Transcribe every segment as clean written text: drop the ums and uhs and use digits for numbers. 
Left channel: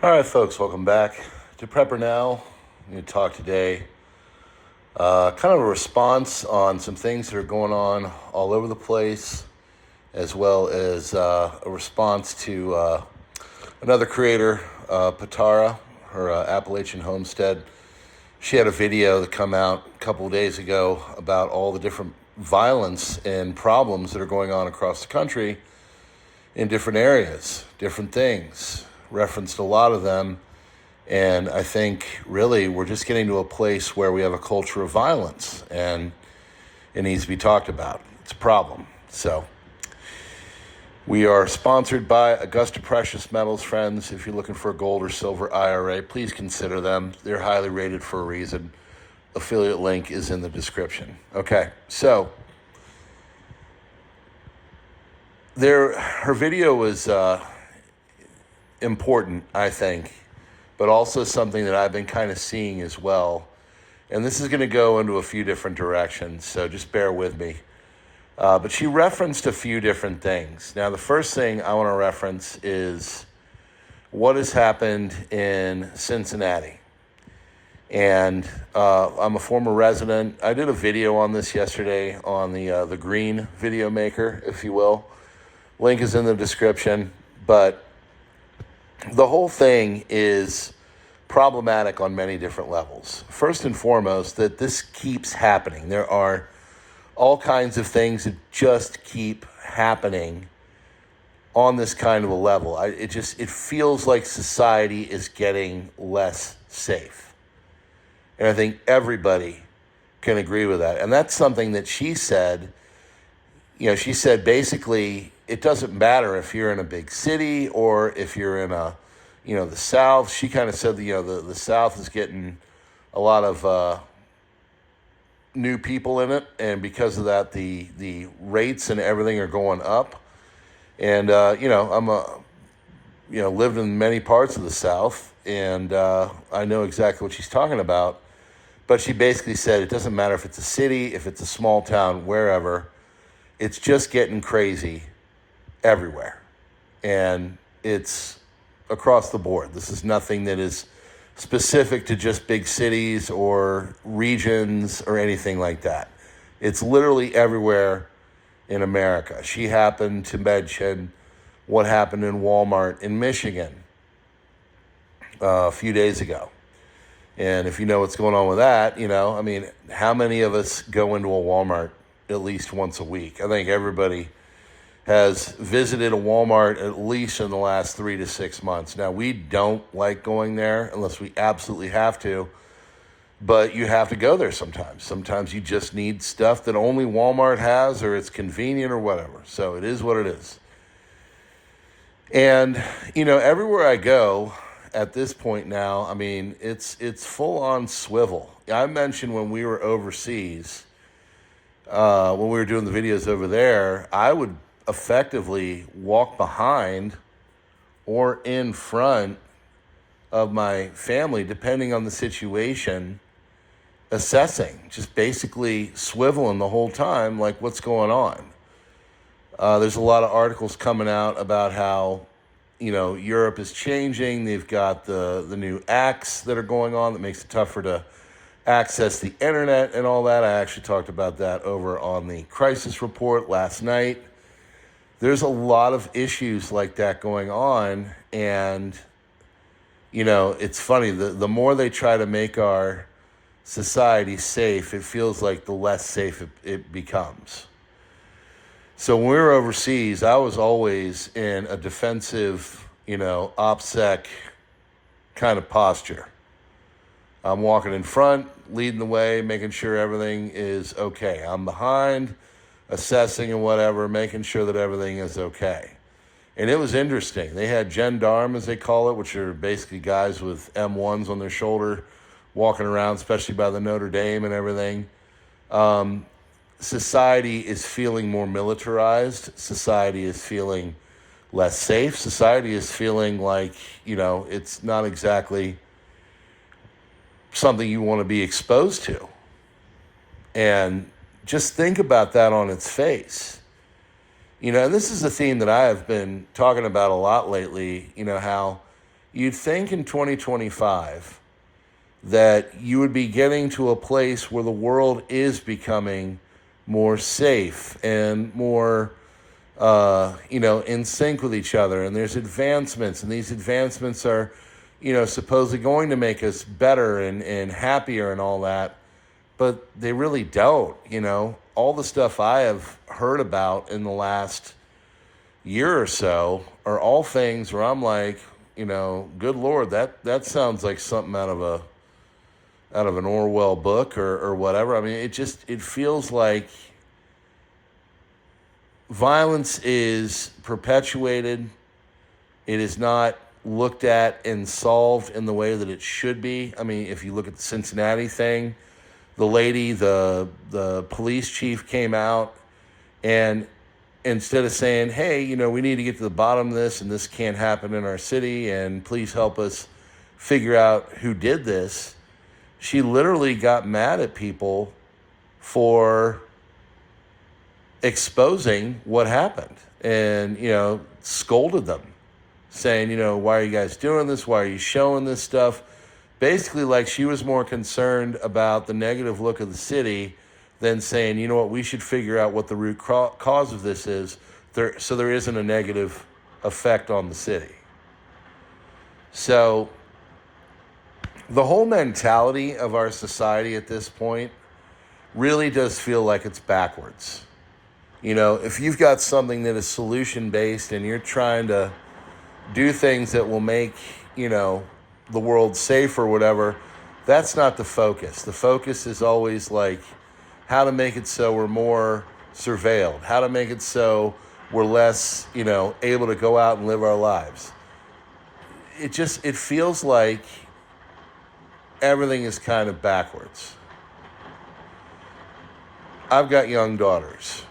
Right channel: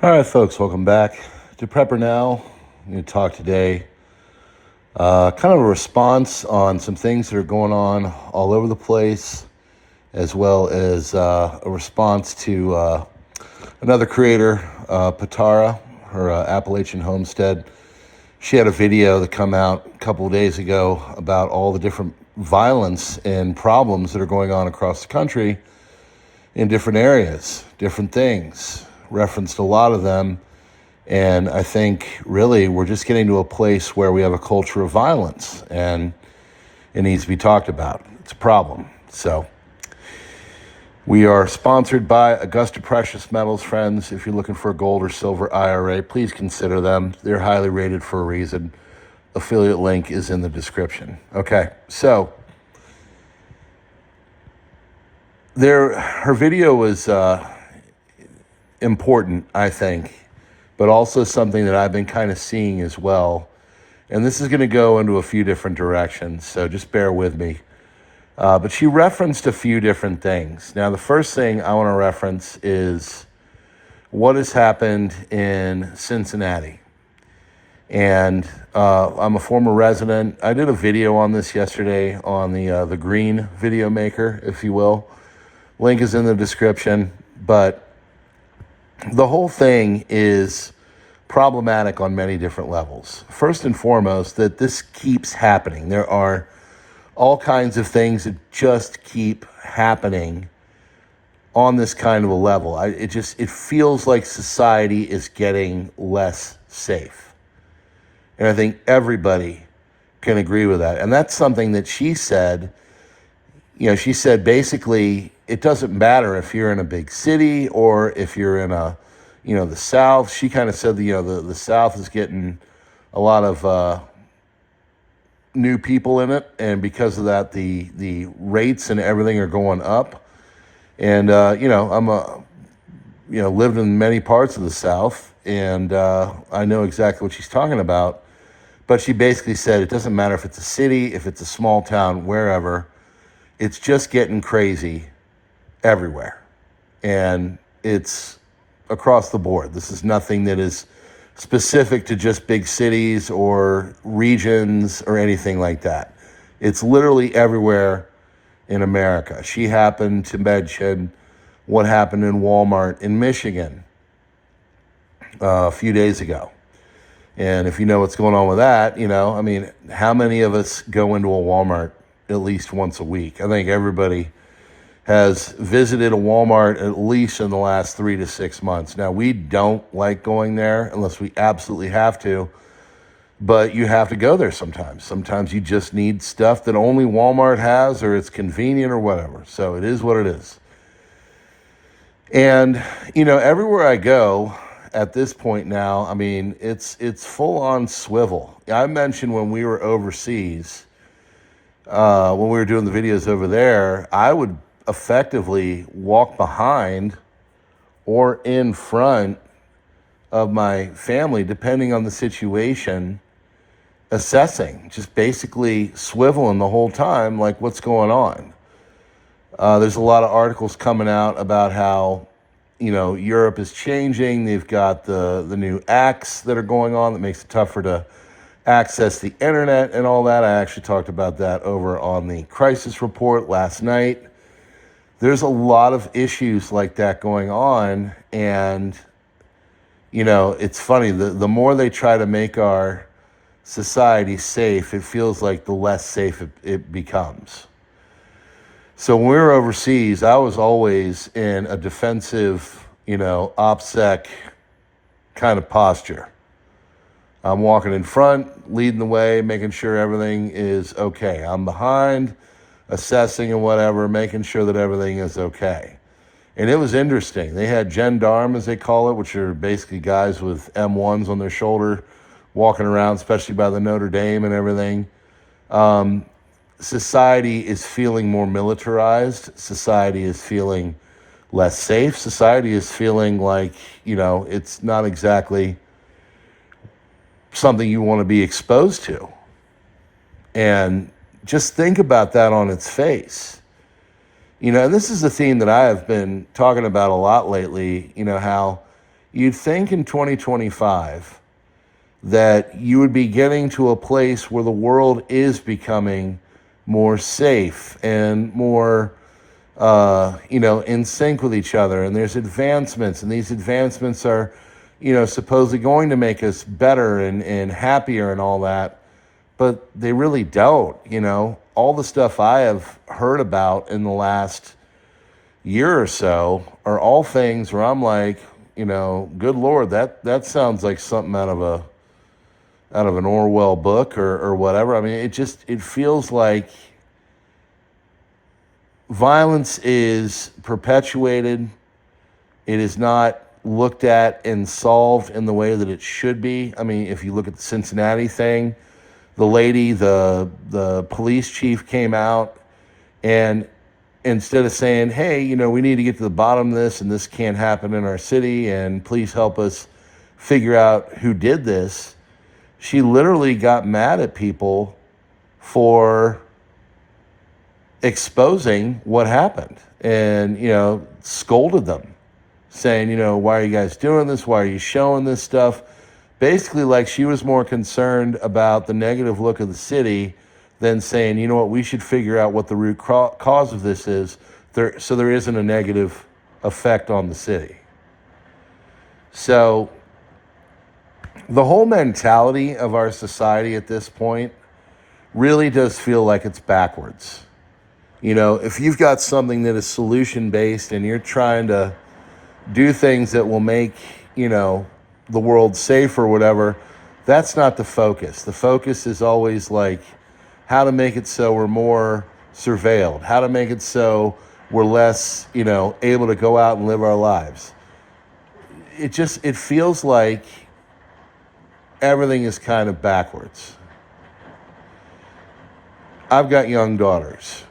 All right, folks, welcome back to PrepperNow. I'm going to talk today kind of a response on some things that are going on all over the place, as well as a response to another creator, Patara, her Appalachian homestead. She had a video that come out a couple of days ago about all the different violence and problems that are going on across the country in different areas, different things. Referenced a lot of them. And I think really we're just getting to a place where we have a culture of violence and it needs to be talked about. It's a problem. So we are sponsored by Augusta Precious Metals, friends. If you're looking for a gold or silver IRA, please consider them. They're highly rated for a reason. Affiliate link is in the description. Okay, so her video was important, I think, but also something that I've been kind of seeing as well. And this is going to go into a few different directions, so just bear with me. But she referenced a few different things. Now, the first thing I want to reference is what has happened in Cincinnati. And I'm a former resident. I did a video on this yesterday on the Green video maker, if you will. Link is in the description, but the whole thing is problematic on many different levels. First and foremost, that this keeps happening. There are all kinds of things that just keep happening on this kind of a level. It feels like society is getting less safe. And I think everybody can agree with that. And that's something that she said. She said basically it doesn't matter if you're in a big city or if you're in the South. She kind of said the South is getting a lot of new people in it, and because of that, the rates and everything are going up. And I'm lived in many parts of the South, and I know exactly what she's talking about. But she basically said it doesn't matter if it's a city, if it's a small town, wherever. It's just getting crazy everywhere. And it's across the board. This is nothing that is specific to just big cities or regions or anything like that. It's literally everywhere in America. She happened to mention what happened in Walmart in Michigan a few days ago. And if you know what's going on with that, how many of us go into a Walmart at least once a week? I think everybody has visited a Walmart at least in the last 3 to 6 months. Now, we don't like going there unless we absolutely have to, but you have to go there sometimes. Sometimes you just need stuff that only Walmart has, or it's convenient or whatever. So it is what it is. And, everywhere I go at this point now, it's full on swivel. I mentioned when we were overseas, when we were doing the videos over there, I would effectively walk behind or in front of my family, depending on the situation, assessing, just basically swiveling the whole time, like what's going on. There's a lot of articles coming out about how, Europe is changing. They've got the new acts that are going on that makes it tougher to access the internet and all that. I actually talked about that over on the crisis report last night. There's a lot of issues like that going on. And, it's funny, the more they try to make our society safe, it feels like the less safe it becomes. So when we were overseas, I was always in a defensive, OPSEC kind of posture. I'm walking in front, leading the way, making sure everything is okay. I'm behind, assessing and whatever, making sure that everything is okay. And it was interesting. They had gendarmes, as they call it, which are basically guys with M1s on their shoulder, walking around, especially by the Notre Dame and everything. Society is feeling more militarized. Society is feeling less safe. Society is feeling like, it's not exactly something you want to be exposed to. And just think about that on its face. And this is a theme that I have been talking about a lot lately, how you'd think in 2025 that you would be getting to a place where the world is becoming more safe and more, in sync with each other. And there's advancements, and these advancements are, supposedly going to make us better and happier and all that. But they really don't, All the stuff I have heard about in the last year or so are all things where I'm like, good Lord, that sounds like something out of an Orwell book or whatever. I mean, it feels like violence is perpetuated. It is not looked at and solved in the way that it should be. I mean, if you look at the Cincinnati thing, the lady, the police chief came out, and instead of saying, hey, we need to get to the bottom of this and this can't happen in our city and please help us figure out who did this, she literally got mad at people for exposing what happened and, scolded them, saying, why are you guys doing this? Why are you showing this stuff? Basically, like she was more concerned about the negative look of the city than saying, we should figure out what the root cause of this is so there isn't a negative effect on the city. So the whole mentality of our society at this point really does feel like it's backwards. If you've got something that is solution-based and you're trying to do things that will make, the world safe or whatever, that's not the focus. The focus is always like how to make it so we're more surveilled, how to make it so we're less, able to go out and live our lives. It feels like everything is kind of backwards. I've got young daughters.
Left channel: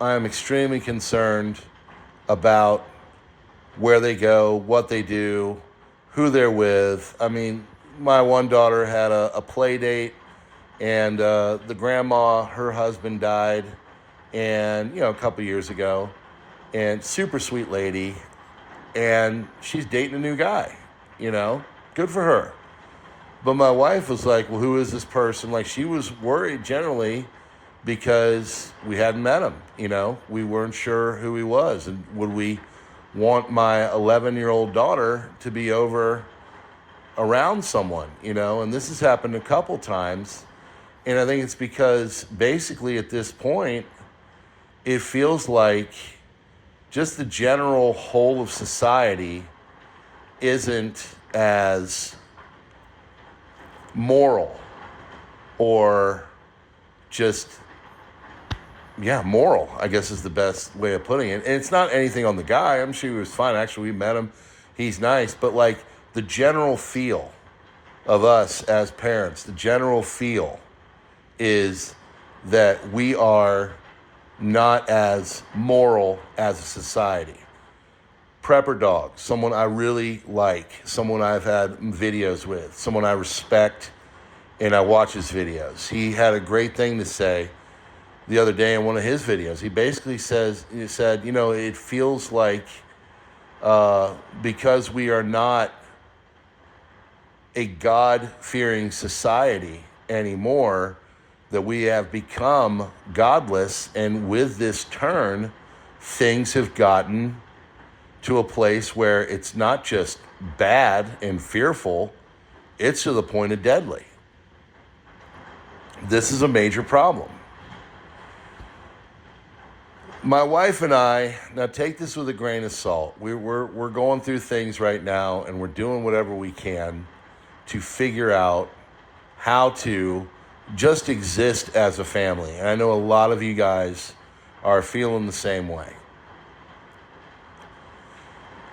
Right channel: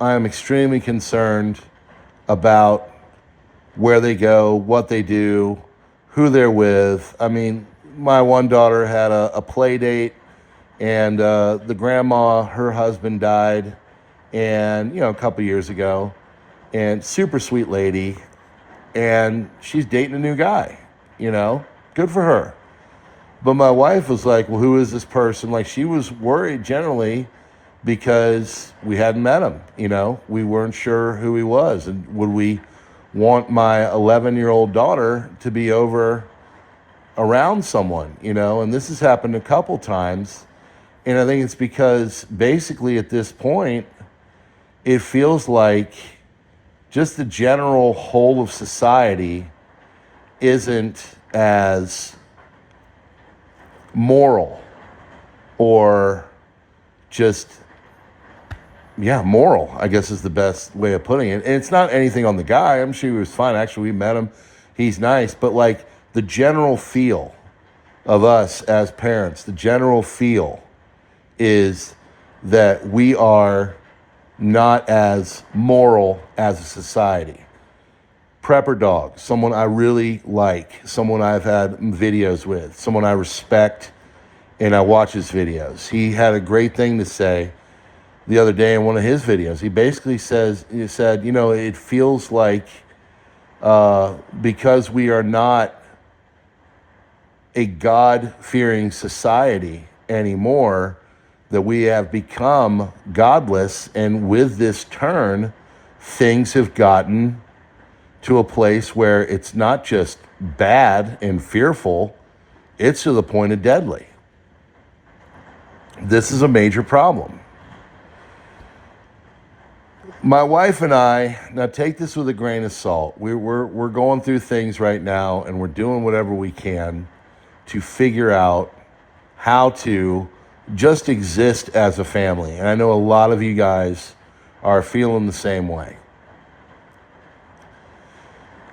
I'm extremely concerned about where they go, what they do, who they're with. I mean, my one daughter had a play date, and the grandma, her husband died, and a couple years ago, and super sweet lady, and she's dating a new guy. Good for her. But my wife was like, well, who is this person? Like, she was worried generally because we hadn't met him. We weren't sure who he was, and would we want my 11-year-old daughter to be over around someone, and this has happened a couple times. And I think it's because basically at this point, it feels like just the general whole of society isn't as moral or just moral, I guess is the best way of putting it. And it's not anything on the guy. I'm sure he was fine. Actually, we met him. He's nice. But like the general feel of us as parents, the general feel is that we are not as moral as a society. Prepper Dog, someone I really like, someone I've had videos with, someone I respect, and I watch his videos. He had a great thing to say the other day in one of his videos. He basically said, it feels like because we are not a God-fearing society anymore, that we have become godless, and with this turn, things have gotten to a place where it's not just bad and fearful, it's to the point of deadly. This is a major problem. My wife and I, now take this with a grain of salt. We're going through things right now, and we're doing whatever we can to figure out how to just exist as a family. And I know a lot of you guys are feeling the same way.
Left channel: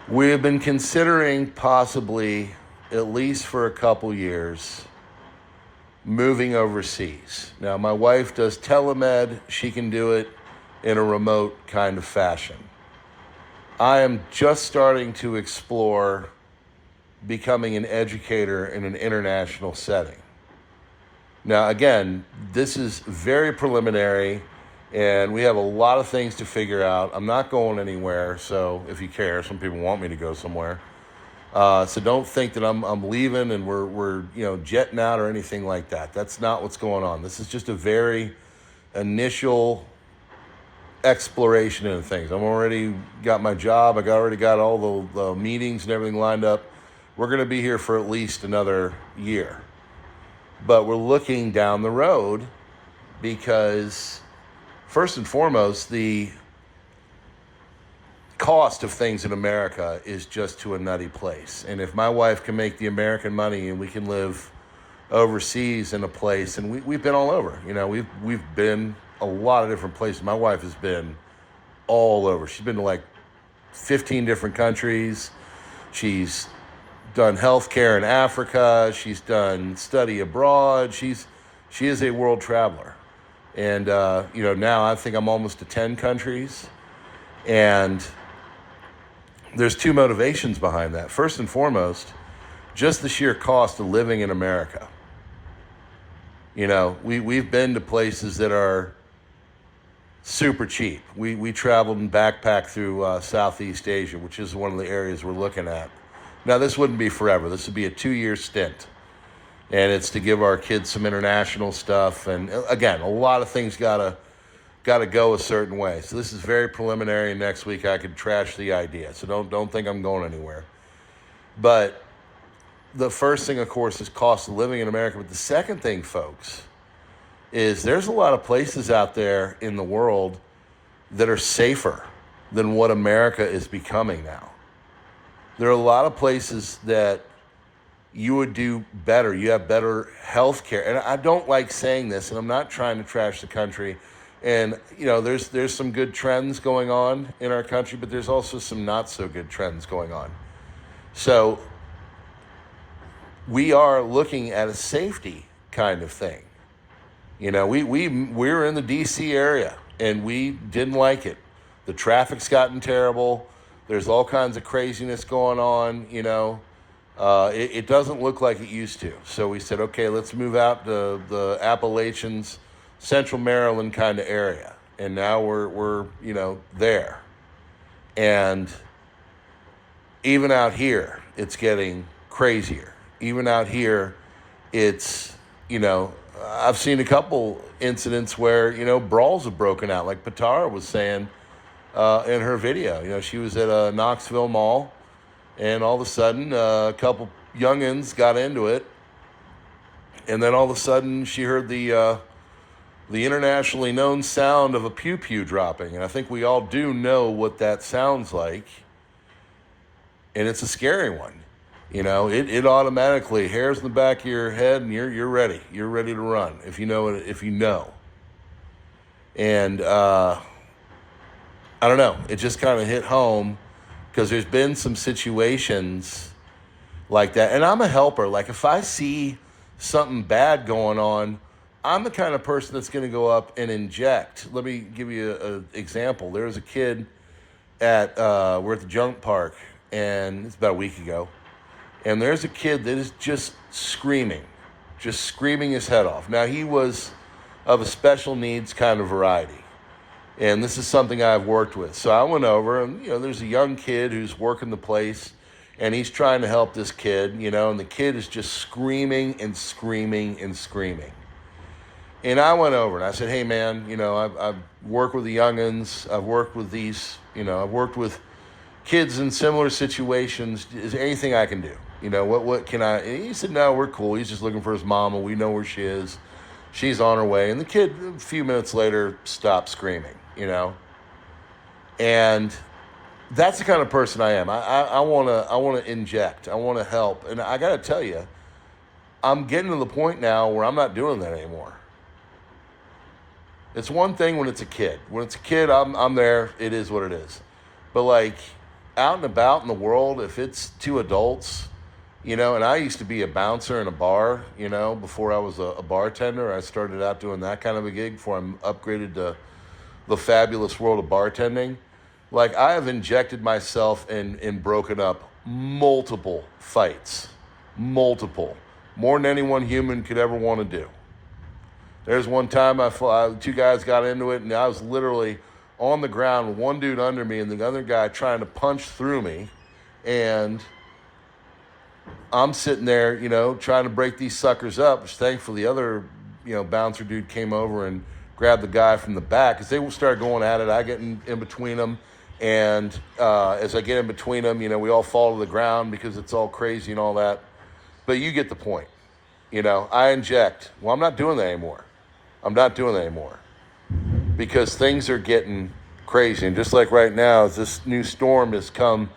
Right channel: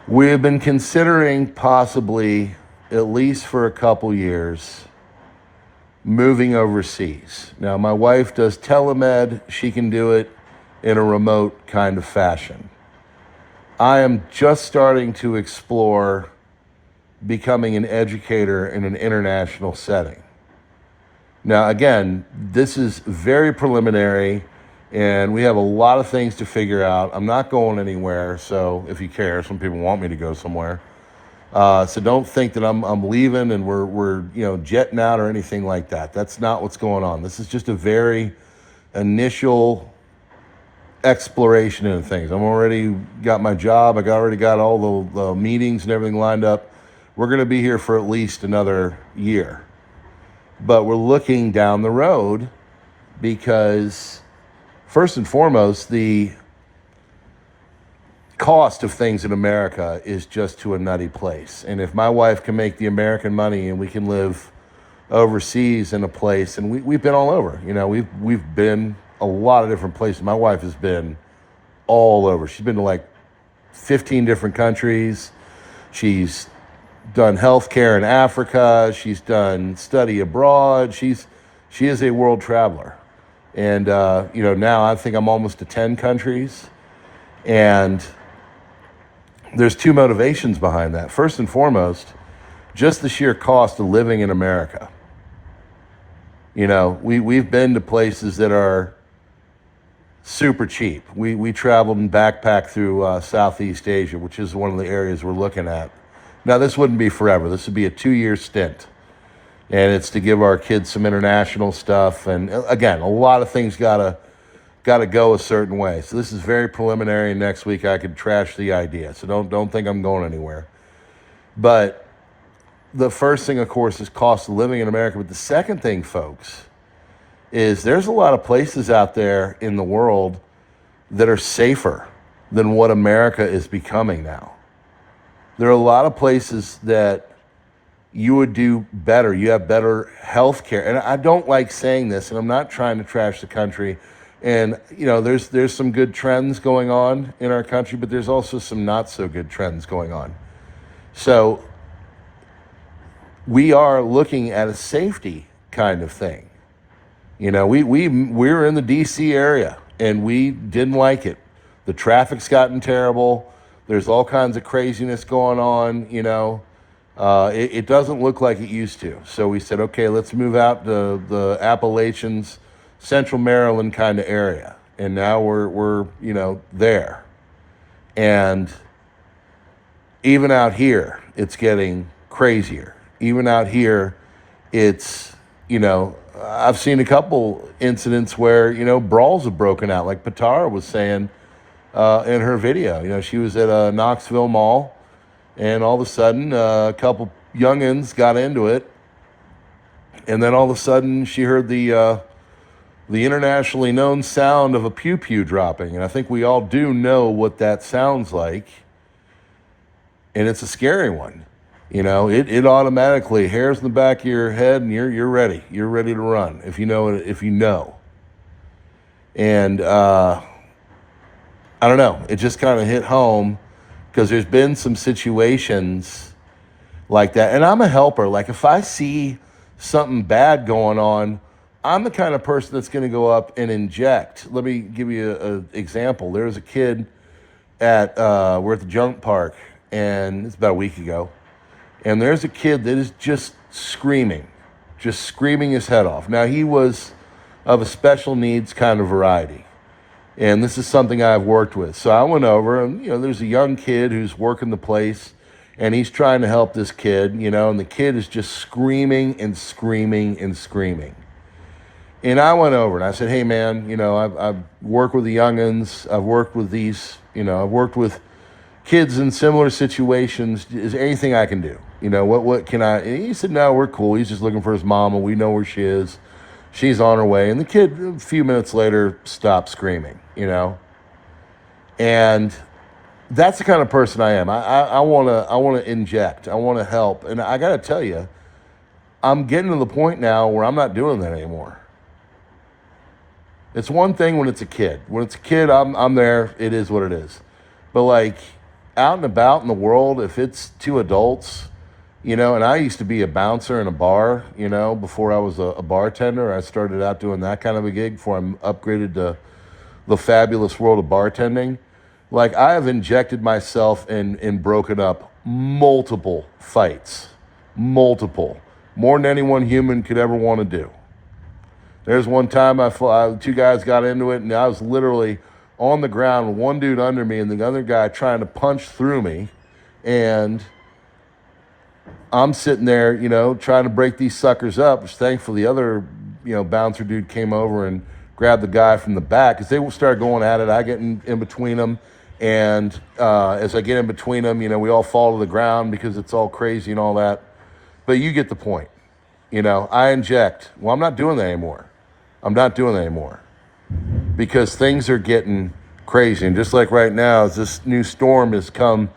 We have been considering possibly, at least for a couple years, moving overseas. Now, my wife does telemed. She can do it in a remote kind of fashion. I am just starting to explore becoming an educator in an international setting. Now, again, this is very preliminary, and we have a lot of things to figure out. I'm not going anywhere, so if you care, some people want me to go somewhere. So don't think that I'm leaving and we're jetting out or anything like that. That's not what's going on. This is just a very initial exploration into things. I'm already got my job. Already got all the meetings and everything lined up. We're going to be here for at least another year. But we're looking down the road because, first and foremost, the cost of things in America is just to a nutty place. And if my wife can make the American money and we can live overseas in a place, and we've been all over, we've been a lot of different places. My wife has been all over. She's been to like 15 different countries. She's done healthcare in Africa. She's done study abroad. She is a world traveler. And, now I think I'm almost to 10 countries. And there's two motivations behind that. First and foremost, just the sheer cost of living in America. We've been to places that are super cheap. We traveled and backpacked through Southeast Asia, which is one of the areas we're looking at. Now, this wouldn't be forever. This would be a 2-year stint. And it's to give our kids some international stuff. And again, a lot of things gotta go a certain way. So this is very preliminary. Next week I could trash the idea. So don't think I'm going anywhere. But the first thing, of course, is cost of living in America. But the second thing, folks, is there's a lot of places out there in the world that are safer than what America is becoming now. There are a lot of places that you would do better. You have better health care. And I don't like saying this, and I'm not trying to trash the country. And, there's some good trends going on in our country, but there's also some not so good trends going on. So we are looking at a safety kind of thing. We're in the DC area and we didn't like it. The traffic's gotten terrible. There's all kinds of craziness going on, It doesn't look like it used to. So we said, okay, let's move out to the Appalachians, Central Maryland kind of area. And now we're there. And even out here, it's getting crazier. Even out here, it's, I've seen a couple incidents where, brawls have broken out. Like Patara was saying in her video, she was at a Knoxville mall and all of a sudden a couple youngins got into it. And then all of a sudden she heard the internationally known sound of a pew-pew dropping. And I think we all do know what that sounds like. And it's a scary one. It automatically hairs in the back of your head and you're ready. You're ready to run if you know. And I don't know. It just kind of hit home because there's been some situations like that. And I'm a helper. Like if I see something bad going on, I'm the kind of person that's going to go up and inject. Let me give you an example. There was a kid we're at the junk park, and it's about a week ago. And there's a kid that is just screaming his head off. Now, he was of a special needs kind of variety. And this is something I've worked with. So I went over and, there's a young kid who's working the place and he's trying to help this kid, and the kid is just screaming and screaming and screaming. And I went over and I said, hey man, I've worked with the youngins. I've worked with these, I've worked with kids in similar situations. Is there anything I can do? What can I? And he said, no, we're cool. He's just looking for his mama. We know where she is. She's on her way. And the kid, a few minutes later, stopped screaming, And that's the kind of person I am. I want to inject. I want to help. And I got to tell you, I'm getting to the point now where I'm not doing that anymore. It's one thing when it's a kid. When it's a kid, I'm there. It is what it is. But like out and about in the world, if it's two adults, and I used to be a bouncer in a bar, before I was a bartender. I started out doing that kind of a gig before I'm upgraded to the fabulous world of bartending. Like I have injected myself and broken up multiple fights, more than any one human could ever want to do. There's one time two guys got into it and I was literally on the ground with one dude under me and the other guy trying to punch through me. And I'm sitting there, trying to break these suckers up, which thankfully the other, bouncer dude came over and grabbed the guy from the back because they started going at it. I get in between them. And as I get in between them, we all fall to the ground because it's all crazy and all that. But you get the point. I inject. Well, I'm not doing that anymore. Because things are getting crazy. And just like right now, as this new storm has come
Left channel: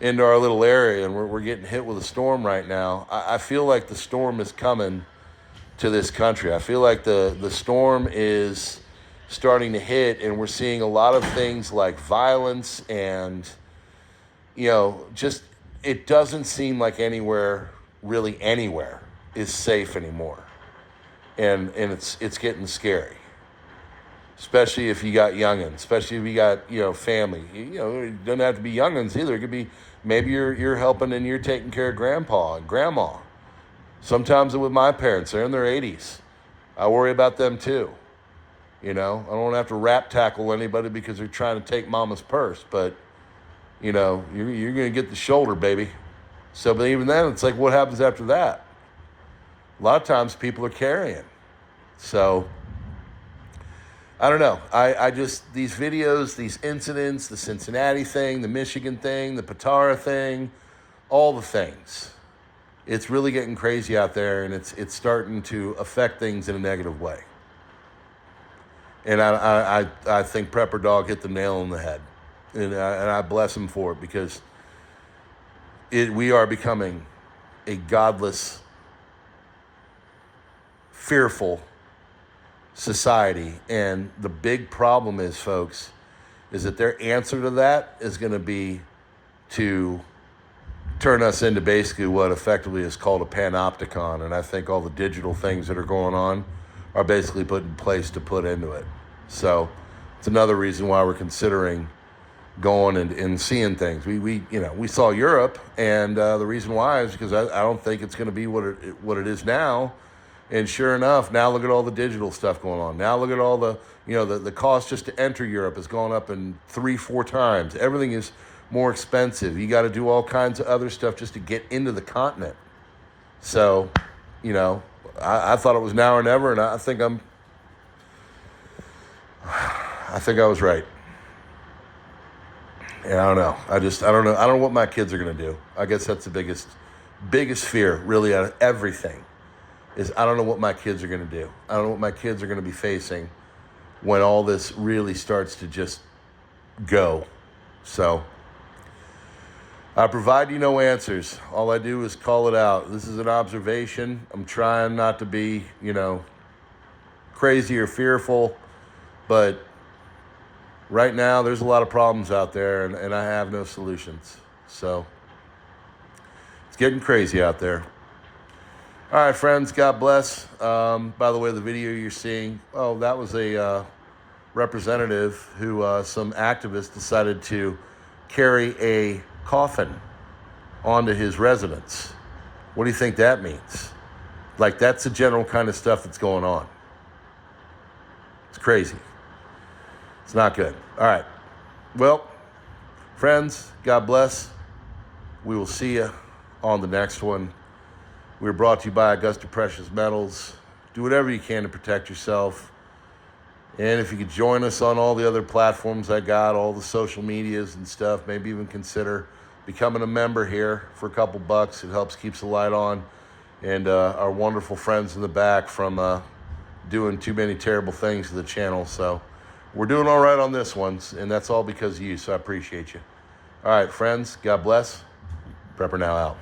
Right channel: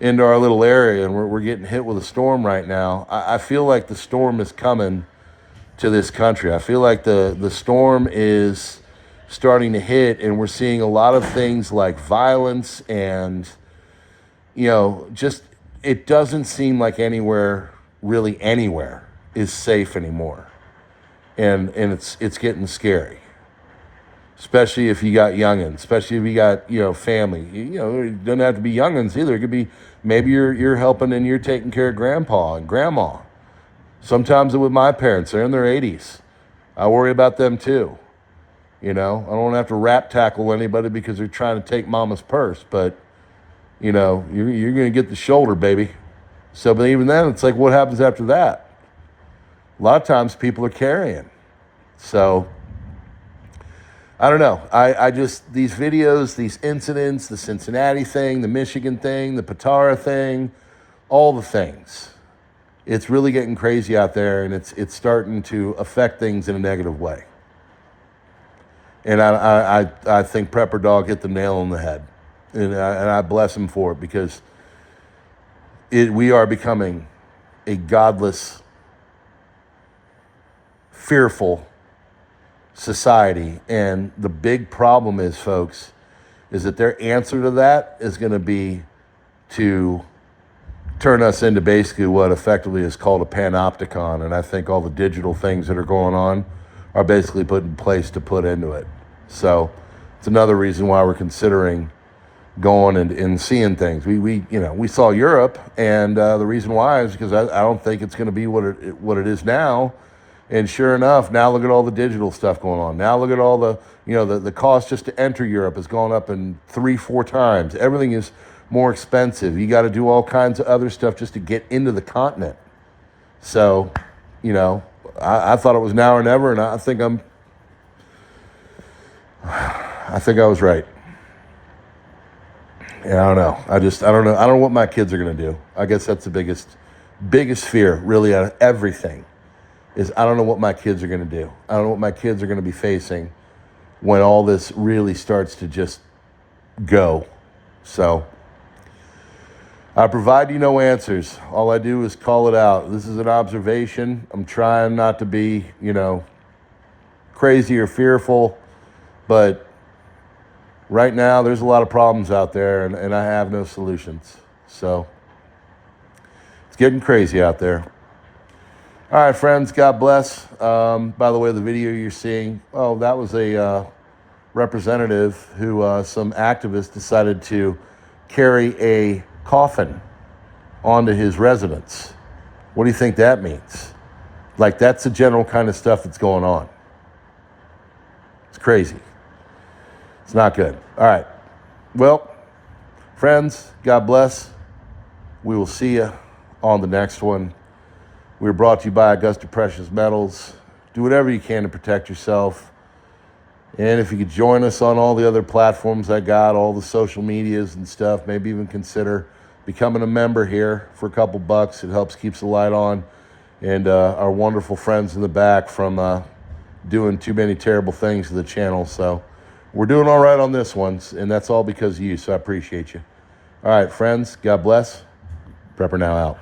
into our little area and we're getting hit with a storm right now, I feel like the storm is coming to this country. I feel like the storm is starting to hit, and we're seeing a lot of things like violence and, just it doesn't seem like really anywhere is safe anymore. And it's getting scary. Especially if you got youngins, especially if you got, family. It doesn't have to be youngins either. It could be maybe you're helping and you're taking care of grandpa and grandma. Sometimes with my parents, they're in their 80s. I worry about them too. I don't want to have to rap tackle anybody because they're trying to take mama's purse, but you're going to get the shoulder, baby. So, but even then, it's like, what happens after that? A lot of times people are carrying. So, I don't know. I just, these videos, these incidents, the Cincinnati thing, the Michigan thing, the Patara thing, all the things. It's really getting crazy out there, and it's starting to affect things in a negative way. And I think Prepper Dog hit the nail on the head. And I bless him for it, because we are becoming a godless, fearful society. And the big problem is, folks, is that their answer to that is going to be to turn us into basically what effectively is called a panopticon. And I think all the digital things that are going on are basically put in place to put into it. So it's another reason why we're considering going and seeing things. We saw Europe, and the reason why is because I don't think it's going to be what it is now. And sure enough, now look at all the digital stuff going on. Now look at all the the cost just to enter Europe has gone up in 3-4 times. Everything is more expensive. You got to do all kinds of other stuff just to get into the continent. So, I thought it was now or never, and I think I was right. Yeah, I don't know. I don't know. I don't know what my kids are going to do. I guess that's the biggest fear, really, out of everything, is I don't know what my kids are going to do. I don't know what my kids are going to be facing when all this really starts to just go. So I provide you no answers. All I do is call it out. This is an observation. I'm trying not to be, crazy or fearful, but right now there's a lot of problems out there, and I have no solutions. So it's getting crazy out there. All right, friends, God bless. By the way, the video you're seeing, that was a representative who some activists decided to carry a coffin onto his residence. What do you think that means? Like, that's the general kind of stuff that's going on. It's crazy. It's not good. All right. Well, friends, God bless. We will see you on the next one. We're brought to you by Augusta Precious Metals. Do whatever you can to protect yourself. And if you could join us on all the other platforms I got, all the social medias and stuff, maybe even consider becoming a member here for a couple bucks. It helps keeps the light on. And our wonderful friends in the back from doing too many terrible things to the channel. So we're doing all right on this one, and that's all because of you, so I appreciate you. All right, friends, God bless. PrepperNow out.